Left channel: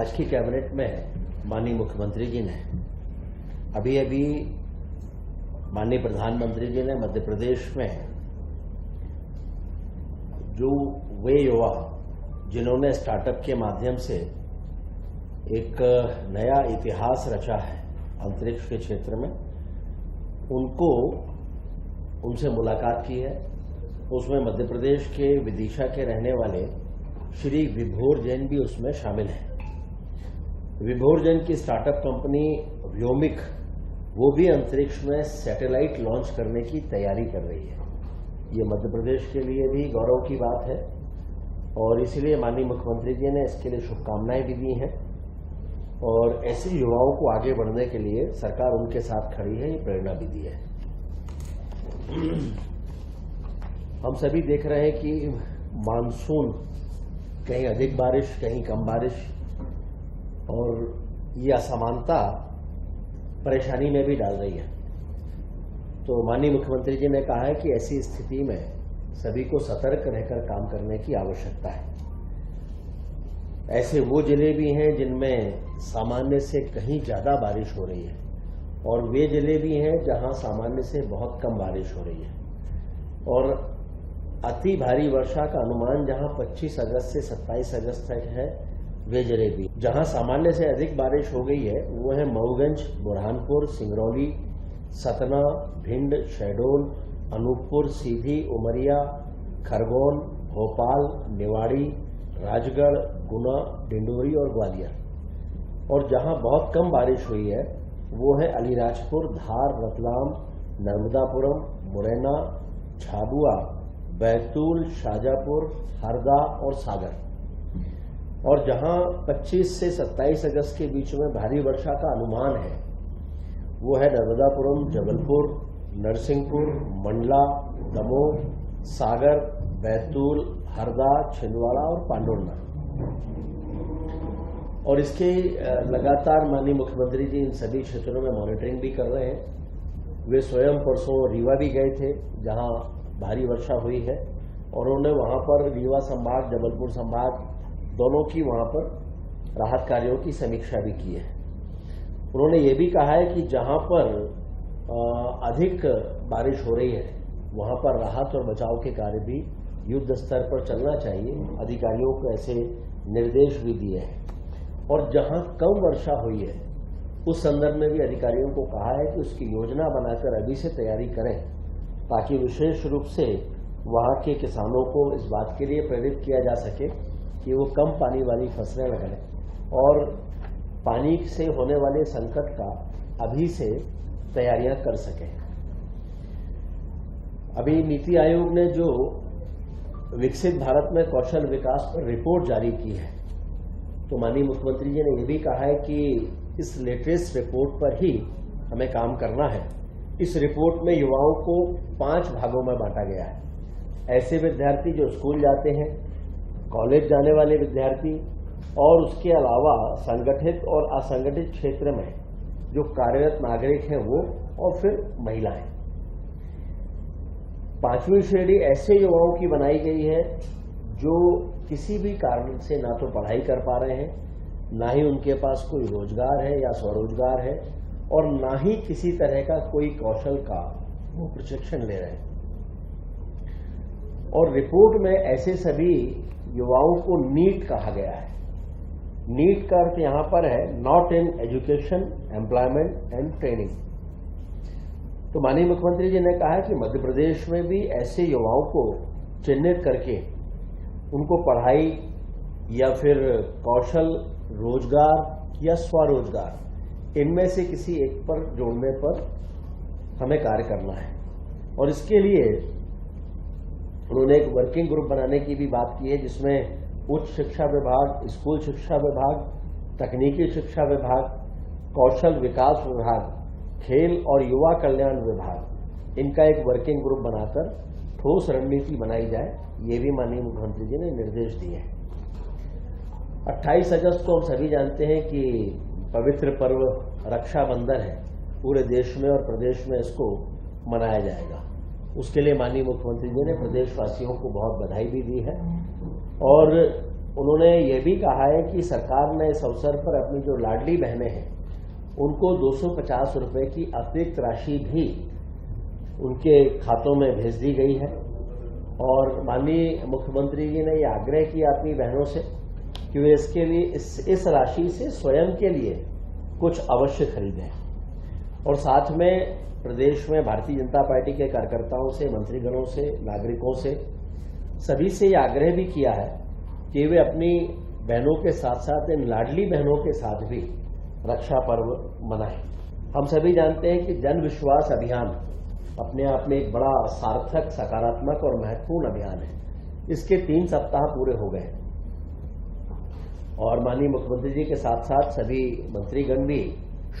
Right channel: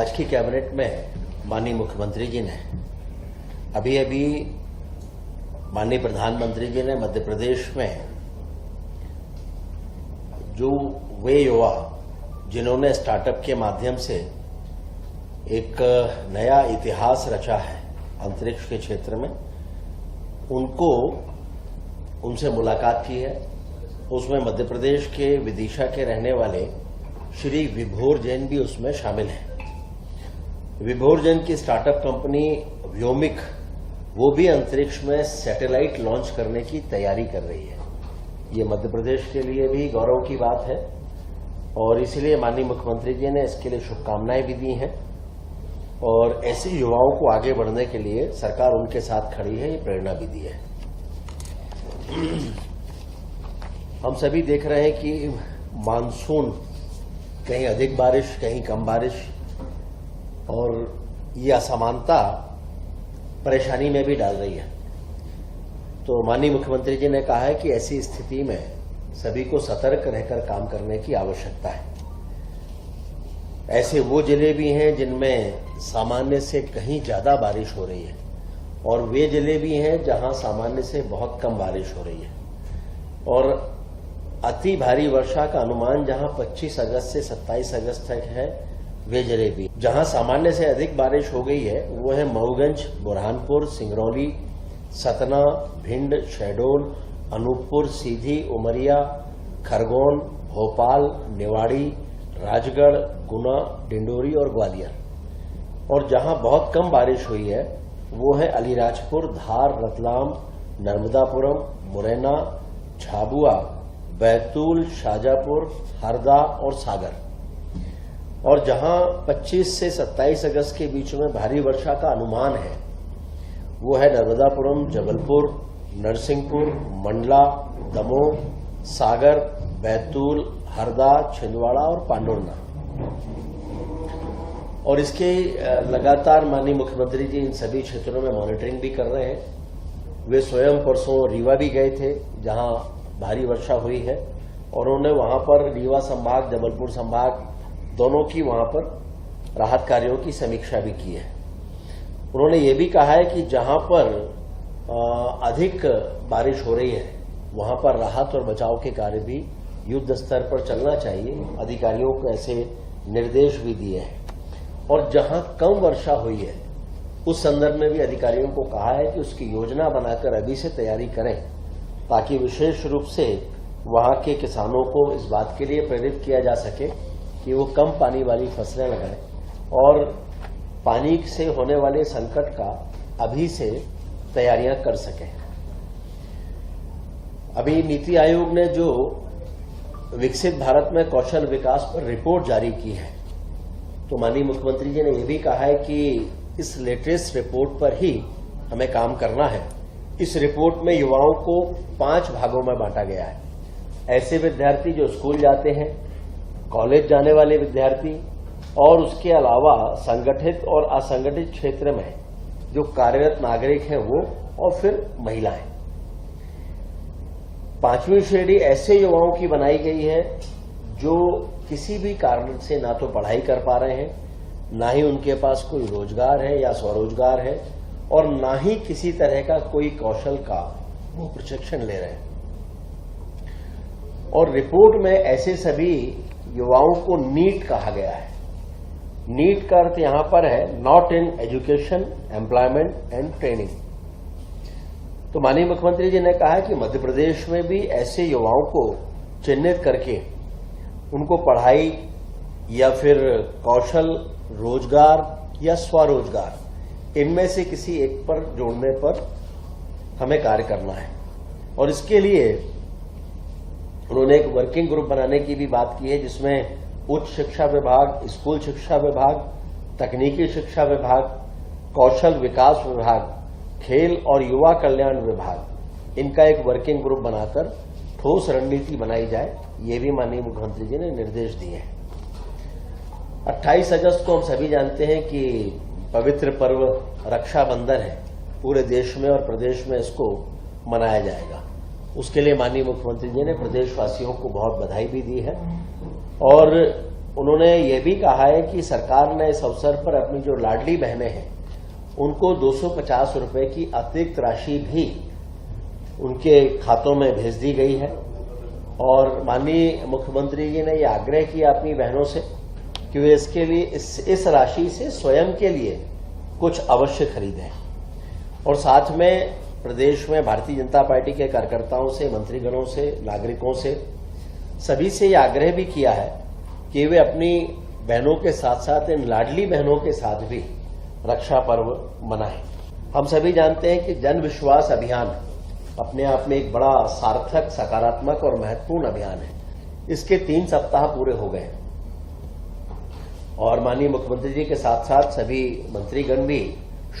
आज की कैबिनेट में माननीय मुख्यमंत्री जी ने अभी माननीय प्रधानमंत्री जी ने मध्य प्रदेश में जो वे युवा जिन्होंने स्टार्टअप के माध्यम से एक नया इतिहास रचा है अंतरिक्ष के क्षेत्र में, उनसे मुलाकात की है। उसमें मध्य प्रदेश के विदिशा के रहने वाले श्री विभोर जैन भी उसमें शामिल हैं। विभोर जैन की स्टार्टअप कंपनी व्योमिक वो भी अंतरिक्ष में सैटेलाइट लॉन्च करने की तैयारी कर रही है। ये मध्य प्रदेश के लिए भी गौरव की बात है और इसलिए माननीय मुख्यमंत्री जी ने इसके लिए शुभकामनाएं भी दी हैं और ऐसे युवाओं को आगे बढ़ने के लिए सरकार उनके साथ खड़ी है, ये प्रेरणा भी दी है। हम सभी देख रहे हैं कि मानसून कहीं अधिक बारिश कहीं कम बारिश और ये असमानता परेशानी में भी डाल रही है। तो माननीय मुख्यमंत्री जी ने कहा है कि ऐसी स्थिति में सभी को सतर्क रहकर काम करने की आवश्यकता है। ऐसे वो जिले भी हैं जिनमें सामान्य से कहीं ज्यादा बारिश हो रही है और वे जिले भी हैं जहां सामान्य से बहुत कम बारिश हो रही है और अति भारी वर्षा का अनुमान जहां 25 अगस्त से 27 अगस्त तक है, वे जिले भी जहां सामान्य से अधिक बारिश हो गई है वो है मऊगंज, बुरहानपुर, सिंगरौली, सतना, भिंड, शहडोल, अनूपपुर, सीधी, उमरिया, खरगोन, भोपाल, निवाड़ी, राजगढ़, गुना, डिंडोरी और ग्वालियर। और जहां बहुत कम बारिश हुई है वो है अलीराजपुर, धार, रतलाम, नर्मदापुरम, मुरैना, झाबुआ, बैतूल, शाजापुर, हरदा और सागर। और जहां 25 से 27 अगस्त के बीच में भारी वर्षा का अनुमान है वो है नर्मदापुरम, जबलपुर, नरसिंहपुर, मंडला, दमोह, सागर, बैतूल, हरदा, छिंदवाड़ा और पांडुर्ना। और इसके लगातार माननीय मुख्यमंत्री जी इन सभी क्षेत्रों में मॉनिटरिंग भी कर रहे हैं। वे स्वयं परसों रीवा भी गए थे जहां भारी वर्षा हुई है और उन्होंने वहां पर रीवा संभाग, जबलपुर संभाग दोनों की वहां पर राहत कार्यों की समीक्षा भी की है। उन्होंने ये भी कहा है कि जहां पर अधिक बारिश हो रही है वहां पर राहत और बचाव के कार्य भी युद्ध स्तर पर चलना चाहिए। अधिकारियों को ऐसे निर्देश भी दिए हैं और जहां कम वर्षा हुई है उस संदर्भ में भी अधिकारियों को कहा है कि उसकी योजना बनाकर अभी से तैयारी करें ताकि विशेष रूप से वहां के किसानों को इस बात के लिए प्रेरित किया जा सके कि वो कम पानी वाली फसलें लगाएं और पानी से होने वाले संकट का अभी से तैयारियां कर सकें। अभी नीति आयोग ने जो विकसित भारत में कौशल विकास पर रिपोर्ट जारी की है तो माननीय मुख्यमंत्री जी ने यह भी कहा है कि इस लेटेस्ट रिपोर्ट पर ही हमें काम करना है। इस रिपोर्ट में युवाओं को 5 भागों में बांटा गया है। ऐसे विद्यार्थी जो स्कूल जाते हैं, कॉलेज जाने वाले विद्यार्थी और उसके अलावा संगठित और असंगठित क्षेत्र में जो कार्यरत नागरिक हैं वो और फिर महिलाएं। 5वीं श्रेणी ऐसे युवाओं की बनाई गई है जो किसी भी कारण से ना तो पढ़ाई कर पा रहे हैं, ना ही उनके पास कोई रोजगार है या स्वरोजगार है और ना ही किसी तरह का कोई कौशल का वो प्रशिक्षण ले रहे हैं। और रिपोर्ट में ऐसे सभी युवाओं को नीट कहा गया है। नीट का अर्थ यहां पर है not in education, employment and training. तो माननीय मुख्यमंत्री जी ने कहा है कि मध्य प्रदेश में भी ऐसे युवाओं को चिन्हित करके उनको पढ़ाई या फिर कौशल, रोजगार या स्वरोजगार इनमें से किसी एक पर जोड़ने पर हमें कार्य करना है। और इसके लिए उन्होंने एक वर्किंग ग्रुप बनाने की भी बात की है जिसमें उच्च शिक्षा विभाग, स्कूल शिक्षा विभाग, तकनीकी शिक्षा विभाग, कौशल विकास विभाग, खेल और युवा कल्याण विभाग, इनका एक वर्किंग ग्रुप बनाकर ठोस रणनीति बनाई जाए, ये भी माननीय मुख्यमंत्री जी ने निर्देश दिए हैं। 28 अगस्त को हम सभी जानते हैं कि पवित्र पर्व रक्षाबंधन है। पूरे देश में और प्रदेश में इसको मनाया जाएगा। उसके लिए माननीय मुख्यमंत्री जी ने प्रदेशवासियों को बहुत बधाई भी दी है और उन्होंने ये भी कहा है कि सरकार ने इस अवसर पर अपनी जो लाडली बहनें हैं उनको 250 रुपए की अतिरिक्त राशि भी उनके खातों में भेज दी गई है। और माननीय मुख्यमंत्री जी ने ये आग्रह किया अपनी बहनों से कि वे इसके लिए इस राशि से स्वयं के लिए कुछ अवश्य खरीदें। और साथ में प्रदेश में भारतीय जनता पार्टी के कार्यकर्ताओं से, मंत्रीगणों से, नागरिकों से, सभी से ये आग्रह भी किया है कि वे अपनी बहनों के साथ साथ इन लाडली बहनों के साथ भी रक्षा पर्व मनाएं। हम सभी जानते हैं कि जन विश्वास अभियान अपने आप में एक बड़ा सार्थक, सकारात्मक और महत्वपूर्ण अभियान है। इसके 3 सप्ताह पूरे हो गए और माननीय मुख्यमंत्री जी के साथ साथ सभी मंत्रीगण भी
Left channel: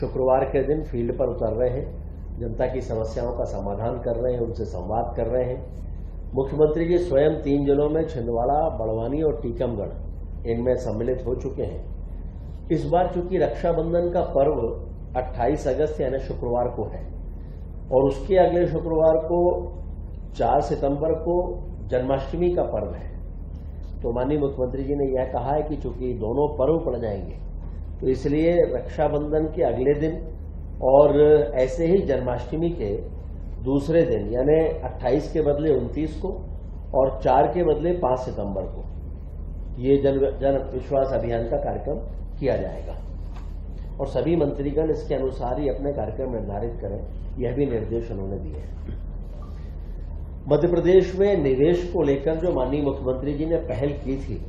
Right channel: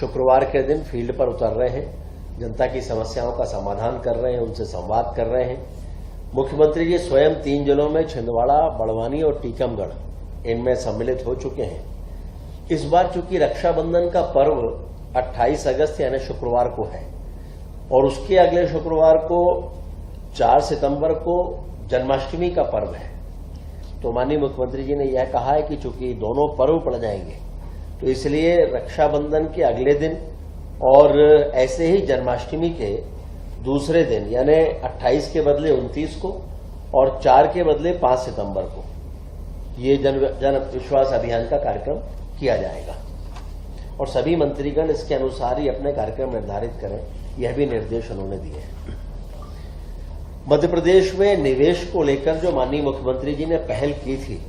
शुक्रवार के दिन फील्ड पर उतर रहे हैं, जनता की समस्याओं का समाधान कर रहे हैं, उनसे संवाद कर रहे हैं। मुख्यमंत्री जी स्वयं 3 जिलों में छिंदवाड़ा, बड़वानी और टीकमगढ़ इनमें सम्मिलित हो चुके हैं। इस बार चूंकि रक्षाबंधन का पर्व 28 अगस्त यानी शुक्रवार को है और उसके अगले शुक्रवार को 4 सितंबर को जन्माष्टमी का पर्व है, तो माननीय मुख्यमंत्री जी ने यह कहा है कि चूंकि दोनों पर्व पड़ जाएंगे तो इसलिए रक्षाबंधन के अगले दिन और ऐसे ही जन्माष्टमी के दूसरे दिन यानी 28 के बदले 29 को और 4 के बदले 5 सितंबर को ये जन विश्वास अभियान का कार्यक्रम किया जाएगा और सभी मंत्रीगण इसके अनुसार ही अपने कार्यक्रम निर्धारित करें, यह भी निर्देश उन्होंने दिए हैं। मध्य प्रदेश में निवेश को लेकर जो माननीय मुख्यमंत्री जी ने पहल की थी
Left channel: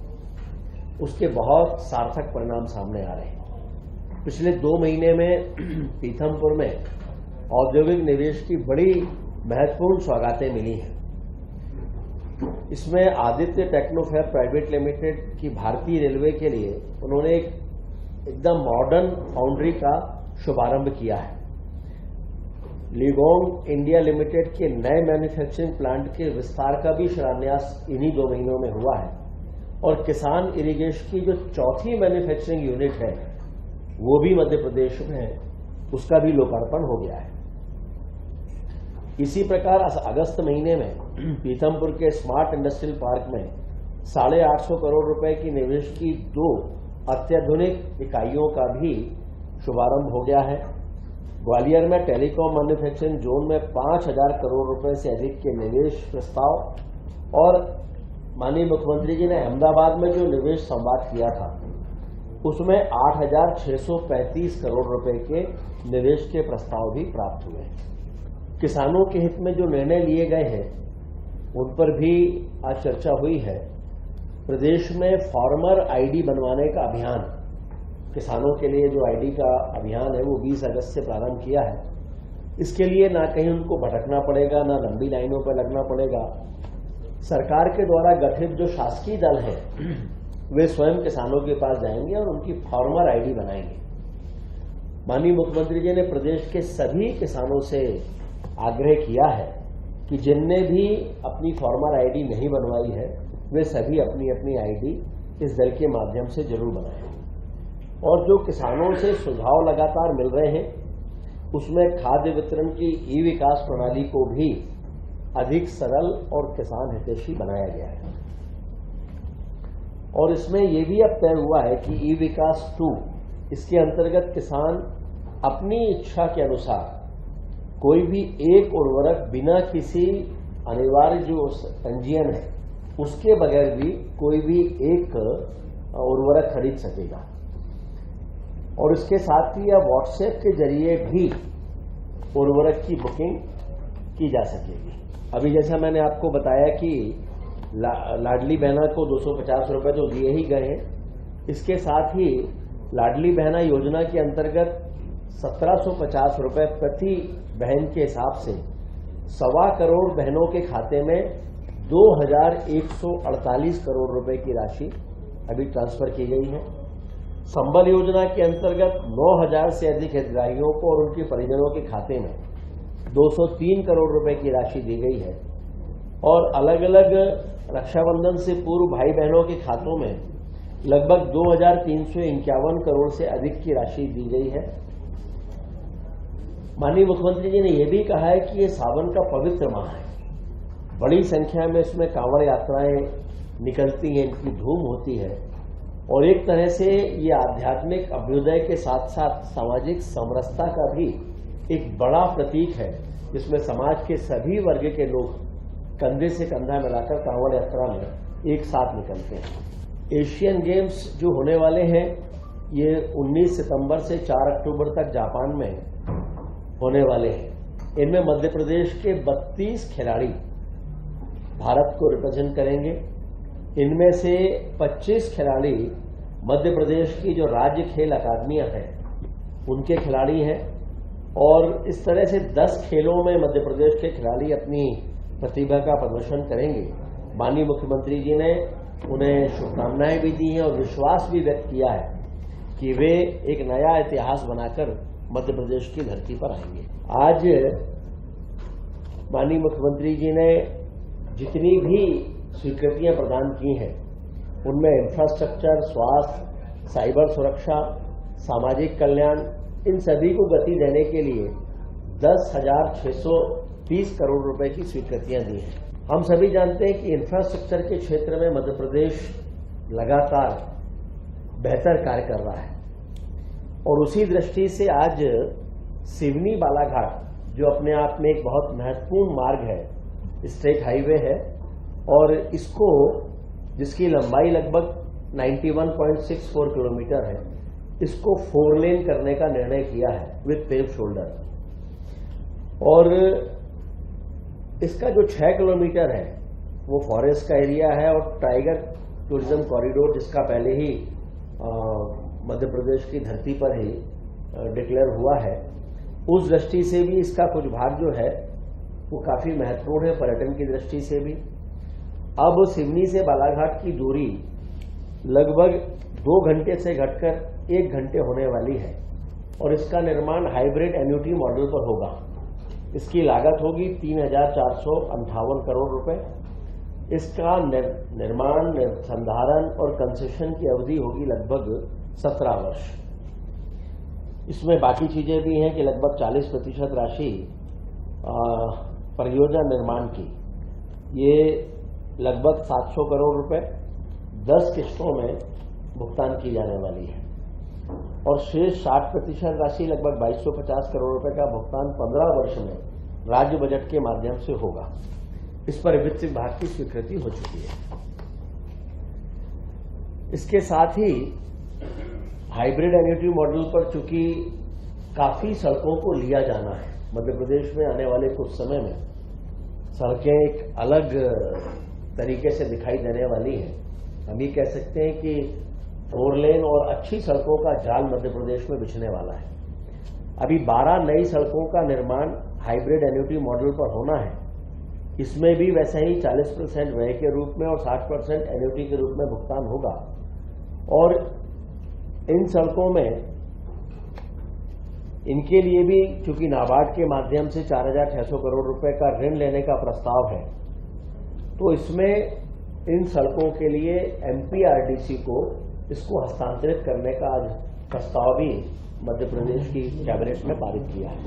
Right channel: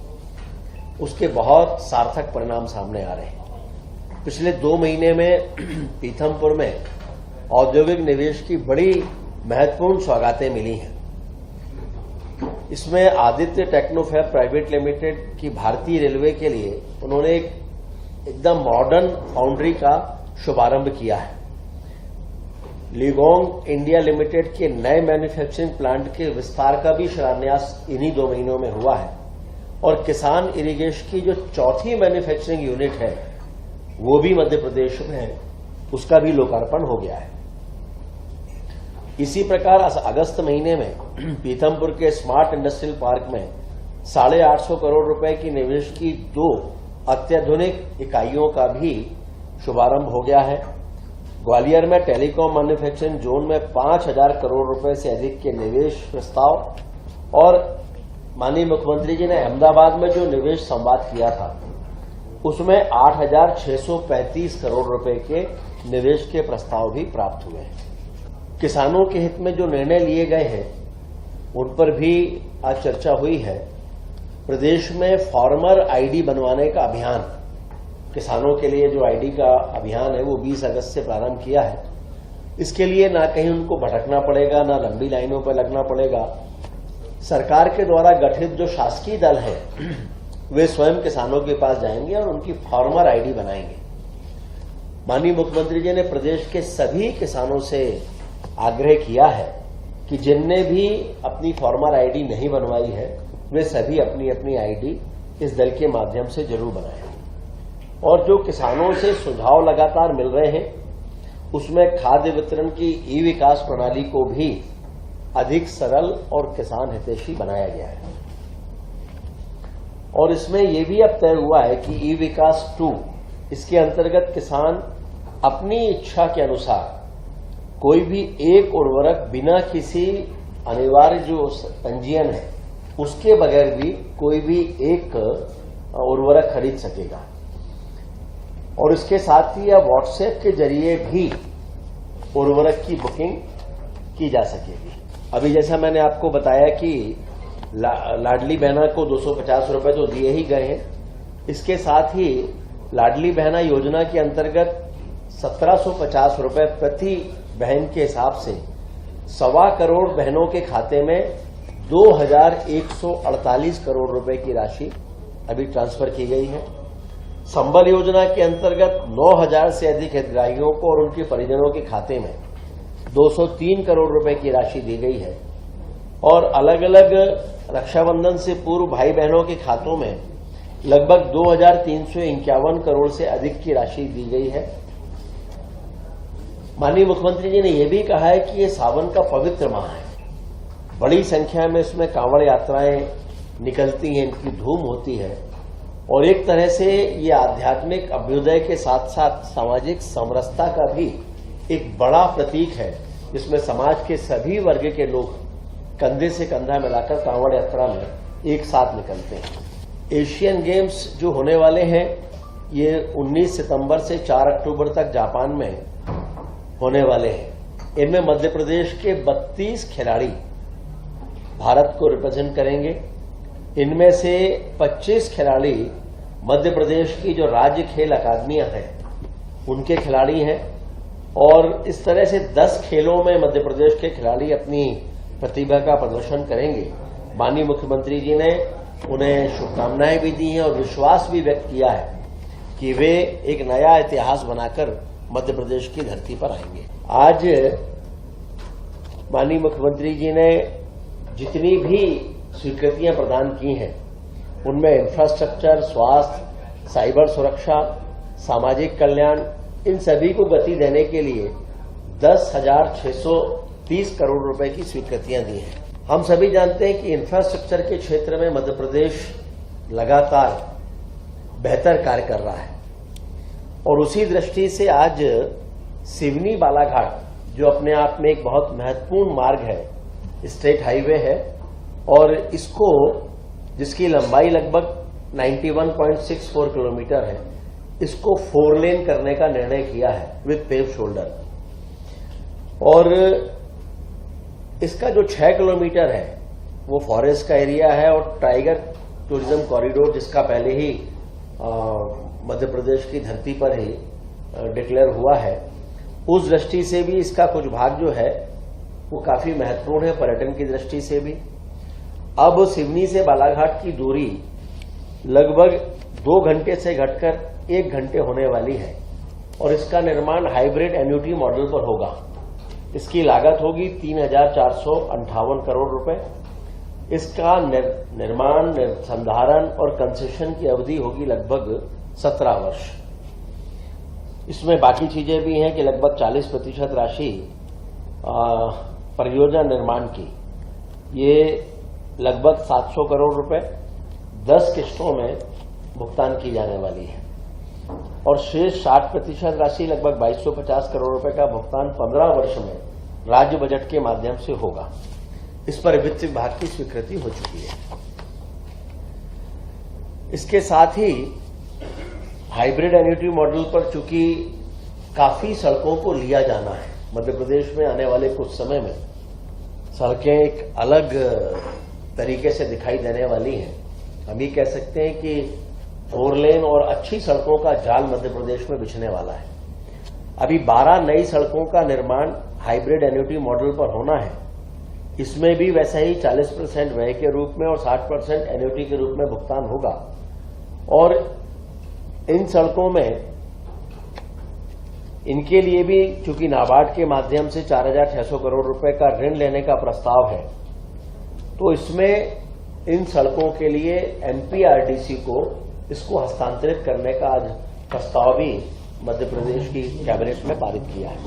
उसके बहुत सार्थक परिणाम सामने आ रहे हैं। पिछले 2 महीने में पीथमपुर में औद्योगिक निवेश की बड़ी महत्वपूर्ण सौगातें मिली हैं। इसमें आदित्य टेक्नोफैब प्राइवेट लिमिटेड की भारतीय रेलवे के लिए उन्होंने एकदम मॉडर्न फाउंड्री का शुभारंभ किया है। लिगोंग इंडिया लिमिटेड के नए मैन्युफैक्चरिंग प्लांट के विस्तार का भी शिलान्यास इन्हीं 2 महीनों में हुआ है और किसान इरिगेशन की जो 4थी मैन्युफैक्चरिंग यूनिट है वो भी मध्य प्रदेश में है, उसका भी लोकार्पण हो गया है। इसी प्रकार अगस्त महीने में पीथमपुर के स्मार्ट इंडस्ट्रियल पार्क में 850 करोड़ रुपए की निवेश की 2 अत्याधुनिक इकाइयों का भी शुभारंभ हो गया है। ग्वालियर में टेलीकॉम मैन्युफैक्चरिंग जोन में 5000 करोड़ रुपए से अधिक के निवेश प्रस्ताव और माननीय मुख्यमंत्री जी ने अहमदाबाद में जो निवेश संवाद किया था उसमें 8635 करोड़ रुपए के निवेश के प्रस्ताव भी प्राप्त हुए हैं। किसानों के हित में जो निर्णय लिए गए हैं उन पर भी आज चर्चा हुई है। प्रदेश में फार्मर आईडी बनवाने का अभियान, किसानों के लिए जो आईडी का अभियान है वो 20 अगस्त से प्रारंभ किया है। इसके लिए ना कहीं उनको भटकना पड़ेगा, ना लंबी लाइनों पर लगना पड़ेगा। सरकार के द्वारा गठित जो शासकीय दल है वे स्वयं किसानों के पास जाएंगे और उनकी फार्मर आईडी बनाएंगे। माननीय मुख्यमंत्री जी ने प्रदेश के सभी किसानों से आग्रह किया है कि जिनने भी अपनी फार्मर आईडी नहीं बनवाई है वे सभी अपनी अपनी आईडी इस दल के माध्यम से जरूर बनाएं। और जो किसानों से सुझाव लगातार मिल रहे हैं उसमें खाद्य वितरण की ई विकास प्रणाली को भी अधिक सरल और किसान हितैषी बनाया गया है। और इसमें यह भी अब तय हुआ है कि ई विकास 2 इसके अंतर्गत किसान अपनी इच्छा के अनुसार कोई भी एक उर्वरक बिना किसी अनिवार्य जो पंजीयन है उसके बगैर भी कोई भी एक उर्वरक खरीद सकेगा। और इसके साथ ही अब व्हाट्सएप के जरिए भी उर्वरक की बुकिंग की जा सकेगी। अभी जैसा मैंने आपको बताया कि लाडली बहना को 250 रुपए तो दिए ही गए हैं, इसके साथ ही लाडली बहना योजना के अंतर्गत 1750 रुपए प्रति बहन के हिसाब से 1.25 करोड़ बहनों के खाते में 2148 करोड़ रुपए की राशि अभी ट्रांसफर की गई है। संबल योजना के अंतर्गत 9000 से अधिक हितग्राहियों को और उनके परिजनों के खाते में 203 करोड़ रुपए की राशि दी गई है। और अलग अलग रक्षाबंधन से पूर्व भाई बहनों के खातों में लगभग 2351 करोड़ से अधिक की राशि दी गई है। माननीय मुख्यमंत्री जी ने यह भी कहा है कि यह सावन का पवित्र माह है, बड़ी संख्या में इसमें कांवड़ यात्राएं निकलती हैं, इनकी धूम होती है और एक तरह से ये आध्यात्मिक अभ्युदय के साथ साथ सामाजिक समरसता का भी एक बड़ा प्रतीक है, जिसमें समाज के सभी वर्ग के लोग कंधे से कंधा मिलाकर कांवड़ यात्रा में एक साथ निकलते हैं। एशियन गेम्स जो होने वाले हैं ये 19 सितंबर से 4 अक्टूबर तक जापान में होने वाले हैं। इनमें मध्य प्रदेश के 32 खिलाड़ी भारत को रिप्रेजेंट करेंगे। इनमें से 25 खिलाड़ी मध्य प्रदेश की जो राज्य खेल अकादमियां हैं उनके खिलाड़ी हैं, और इस तरह से 10 खेलों में मध्य प्रदेश के खिलाड़ी अपनी प्रतिभा का प्रदर्शन करेंगे। माननीय मुख्यमंत्री जी ने उन्हें शुभकामनाएं भी दी हैं और विश्वास भी व्यक्त किया है कि वे एक नया इतिहास बनाकर मध्य प्रदेश की धरती पर आएंगे। आज माननीय मुख्यमंत्री जी ने जितनी भी स्वीकृतियां प्रदान की हैं उनमें इंफ्रास्ट्रक्चर, स्वास्थ्य, साइबर सुरक्षा, सामाजिक कल्याण, इन सभी को गति देने के लिए 10,630 करोड़ रुपए की स्वीकृतियां दी हैं। हम सभी जानते हैं कि इंफ्रास्ट्रक्चर के क्षेत्र में मध्य प्रदेश लगातार बेहतर कार्य कर रहा है, और उसी दृष्टि से आज सिवनी बालाघाट जो अपने आप में एक बहुत महत्वपूर्ण मार्ग है, स्टेट हाईवे है, और इसको जिसकी लंबाई लगभग 91.64 किलोमीटर है, इसको 4 लेन करने का निर्णय किया है विद पेव शोल्डर। और इसका जो 6 किलोमीटर है वो फॉरेस्ट का एरिया है, और टाइगर टूरिज्म कॉरिडोर जिसका पहले ही मध्य प्रदेश की धरती पर ही डिक्लेयर हुआ है, उस दृष्टि से भी इसका कुछ भाग जो है वो काफी महत्वपूर्ण है पर्यटन की दृष्टि से भी। अब सिवनी से बालाघाट की दूरी लगभग 2 घंटे से घटकर 1 घंटे होने वाली है, और इसका निर्माण हाइब्रिड एन्युटी मॉडल पर होगा। इसकी लागत होगी 3,458 करोड़ रुपए। इसका निर्माण, संधारण और कंसेशन की अवधि होगी लगभग 17 वर्ष। इसमें बाकी चीजें भी हैं कि लगभग 40% राशि परियोजना निर्माण की, ये लगभग 700 करोड़ रुपए 10 किस्तों में भुगतान की जाने वाली है, और शेष 60% राशि लगभग 2250 करोड़ रुपए का भुगतान 15 वर्ष में राज्य बजट के माध्यम से होगा। इस पर वित्त विभाग की स्वीकृति हो चुकी है। इसके साथ ही हाइब्रिड एन्युटी मॉडल पर चूंकि काफी सड़कों को लिया जाना है, मध्य प्रदेश में आने वाले कुछ समय में सड़कें एक अलग तरीके से दिखाई देने वाली हैं। हम ये कह सकते हैं कि 4 लेन और अच्छी सड़कों का जाल मध्य प्रदेश में बिछने वाला है। अभी 12 नई सड़कों का निर्माण हाइब्रिड एन्युटी मॉडल पर होना है। इसमें भी वैसा ही 40% व्यय के रूप में और 60% एन्युटी के रूप में भुगतान होगा, और इन सड़कों में इनके लिए भी चूंकि नाबार्ड के माध्यम से 4,600 करोड़ रुपए का ऋण लेने का प्रस्ताव है, तो इसमें इन सड़कों के लिए एमपीआरडीसी को इसको हस्तांतरित करने का आज प्रस्ताव भी मध्य प्रदेश की कैबिनेट में पारित किया है।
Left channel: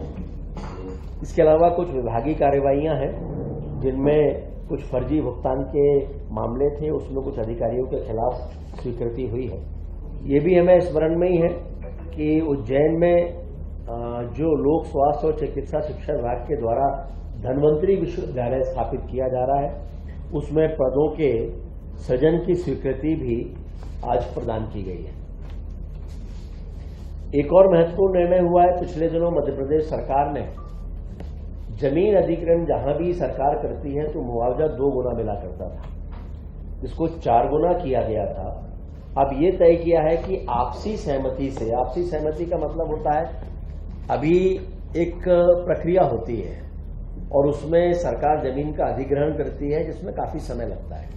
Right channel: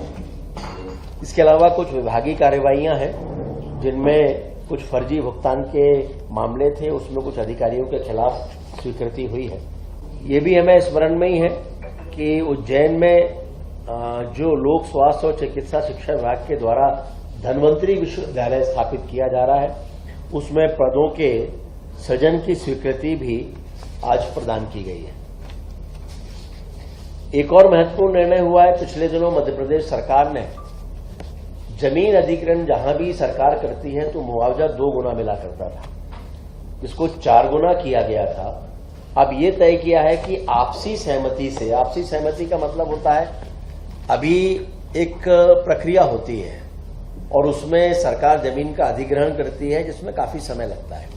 इसके अलावा कुछ विभागीय कार्यवाहियां हैं जिनमें कुछ फर्जी भुगतान के मामले थे, उसमें कुछ अधिकारियों के खिलाफ स्वीकृति हुई है। ये भी हमें स्मरण में ही है कि उज्जैन में जो लोक स्वास्थ्य और चिकित्सा शिक्षा विभाग के द्वारा धन्वंतरी विश्वविद्यालय स्थापित किया जा रहा है, उसमें पदों के सृजन की स्वीकृति भी आज प्रदान की गई है। एक और महत्वपूर्ण निर्णय हुआ है, पिछले दिनों मध्य प्रदेश सरकार ने जमीन अधिग्रहण जहां भी सरकार करती है तो मुआवजा 2 गुना मिला करता था, इसको 4 गुना किया गया था। अब ये तय किया है कि आपसी सहमति से, आपसी सहमति का मतलब होता है अभी एक प्रक्रिया होती है और उसमें सरकार जमीन का अधिग्रहण करती है जिसमें काफी समय लगता है।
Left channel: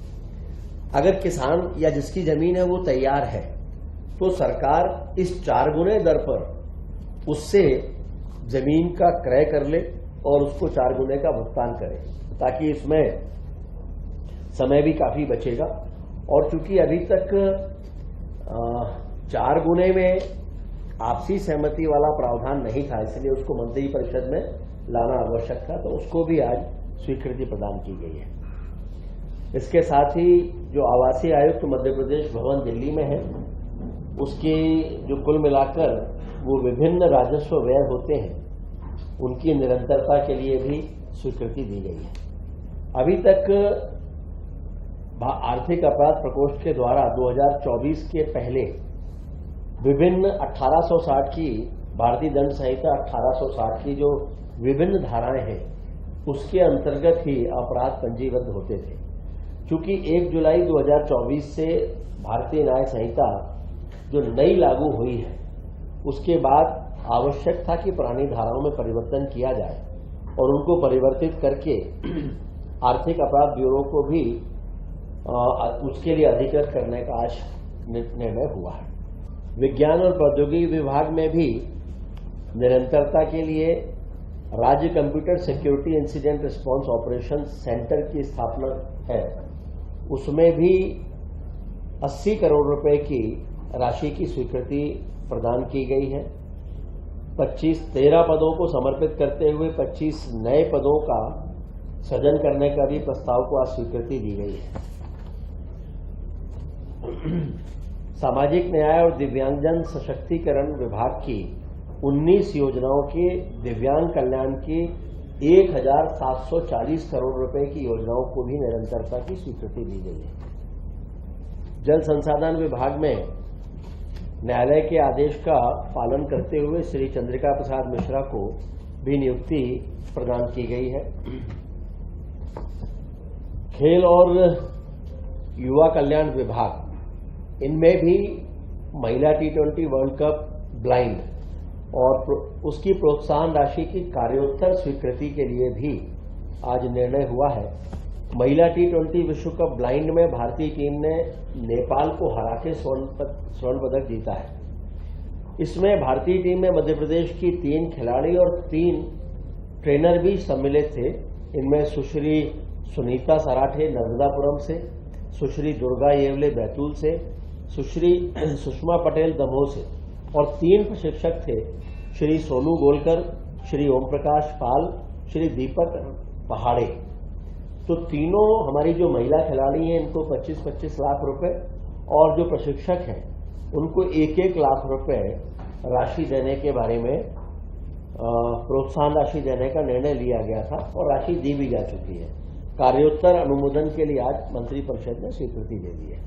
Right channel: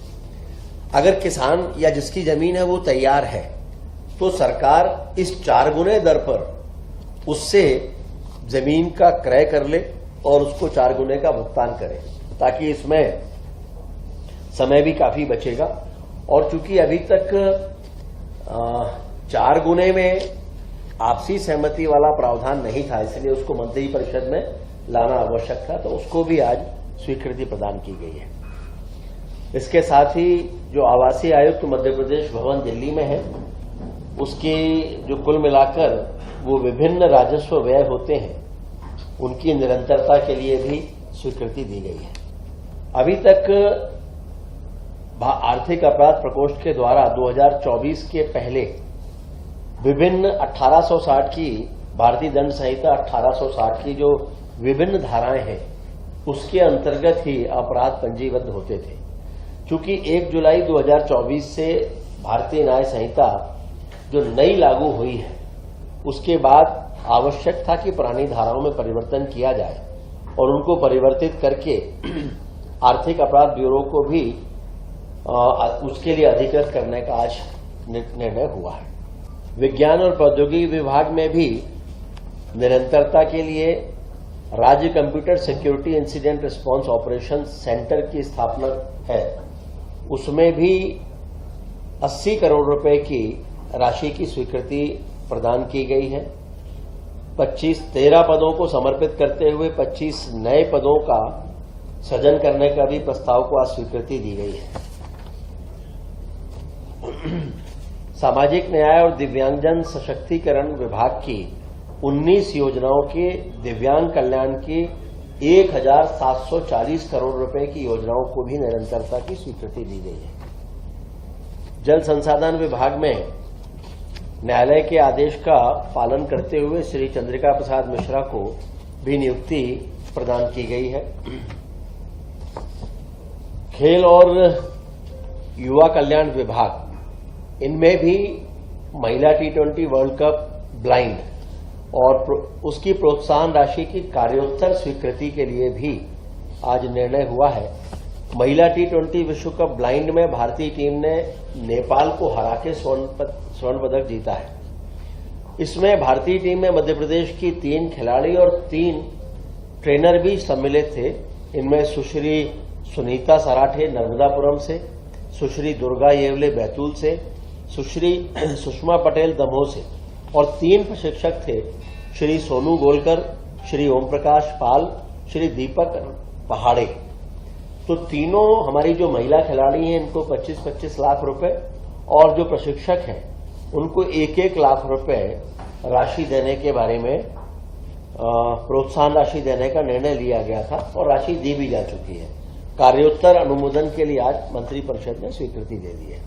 अगर किसान या जिसकी जमीन है वो तैयार है तो सरकार इस 4 गुने दर पर उससे जमीन का क्रय कर ले और उसको 4 गुने का भुगतान करे, ताकि इसमें समय भी काफी बचेगा। और चूंकि अभी तक 4 गुने में आपसी सहमति वाला प्रावधान नहीं था, इसलिए उसको मंत्री परिषद में लाना आवश्यक था, तो उसको भी आज स्वीकृति प्रदान की गई है। इसके साथ ही जो आवासीय आयुक्त मध्य प्रदेश भवन दिल्ली में है, उसके जो कुल मिलाकर वो विभिन्न राजस्व व्यय होते हैं उनकी निरंतरता के लिए भी स्वीकृति दी गई है। अभी तक आर्थिक अपराध प्रकोष्ठ के द्वारा 2024 के पहले विभिन्न 1860 की भारतीय दंड संहिता 1860 की जो विभिन्न धाराएं हैं उसके अंतर्गत ही अपराध पंजीबद्ध होते थे। क्योंकि 1 जुलाई 2024 से भारतीय न्याय संहिता जो नई लागू हुई है उसके बाद आवश्यक था कि पुरानी धाराओं में परिवर्तन किया जाए और उनको परिवर्तित करके आर्थिक अपराध ब्यूरो को भी उसके लिए अधिकृत करने का आज निर्णय हुआ है। विज्ञान और प्रौद्योगिकी विभाग में भी निरंतरता के लिए राज्य computer security incident response operation centre की स्थापना है। उसमें भी 80 करोड़ रुपए की राशि की स्वीकृति प्रदान की गई है। 13 पदों को समर्पित करते हुए 25 नए पदों का सृजन करने का भी प्रस्ताव को आज स्वीकृति दी गई है। सामाजिक न्याय और दिव्यांगजन सशक्तिकरण विभाग की 19 योजनाओं के दिव्यांग कल्याण की 1740 करोड़ रुपए की योजनाओं को भी निरंतरता की स्वीकृति दी गई है। जल संसाधन विभाग में न्यायालय के आदेश का पालन करते हुए श्री चंद्रिका प्रसाद मिश्रा को भी नियुक्ति प्रदान की गई है। खेल और युवा कल्याण विभाग, इनमें भी महिला T20 वर्ल्ड कप ब्लाइंड और उसकी प्रोत्साहन राशि की कार्योत्तर स्वीकृति के लिए भी आज निर्णय हुआ है। महिला T20 विश्व कप ब्लाइंड में भारतीय टीम ने नेपाल को हरा के स्वर्ण पदक जीता है। इसमें भारतीय टीम में मध्य प्रदेश की 3 खिलाड़ी और 3 ट्रेनर भी सम्मिलित थे। इनमें सुश्री सुनीता सराठे नर्मदापुरम से, सुश्री दुर्गा येवले बैतूल से, सुश्री सुषमा पटेल दमोह से और 3 प्रशिक्षक थे, श्री सोनू गोलकर, श्री ओम प्रकाश पाल, श्री दीपक पहाड़े। तो तीनों हमारी जो महिला खिलाड़ी हैं इनको 25-25 लाख रुपए और जो प्रशिक्षक हैं उनको 1-1 लाख रुपए राशि देने के बारे में प्रोत्साहन राशि देने का निर्णय लिया गया था और राशि दी भी जा चुकी है। कार्योत्तर अनुमोदन के लिए आज मंत्रिपरिषद ने स्वीकृति दे दी है।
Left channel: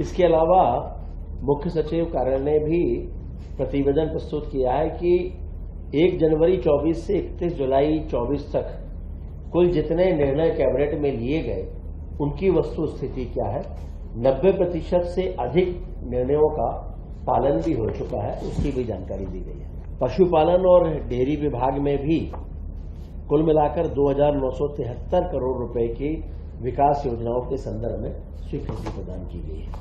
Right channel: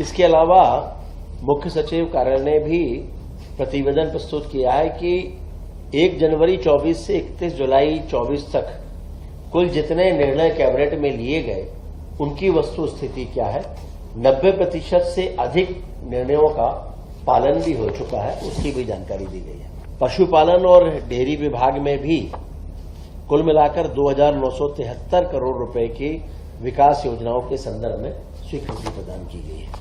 इसके अलावा मुख्य सचिव कार्यालय ने भी प्रतिवेदन प्रस्तुत किया है कि 1 जनवरी 24 से 31 जुलाई 24 तक कुल जितने निर्णय कैबिनेट में लिए गए उनकी वस्तु स्थिति क्या है। 90% से अधिक निर्णयों का पालन भी हो चुका है, उसकी भी जानकारी दी गई है। पशुपालन और डेयरी विभाग में भी कुल मिलाकर 2,973 करोड़ रुपए की विकास योजनाओं के संदर्भ में स्वीकृति प्रदान की गई है।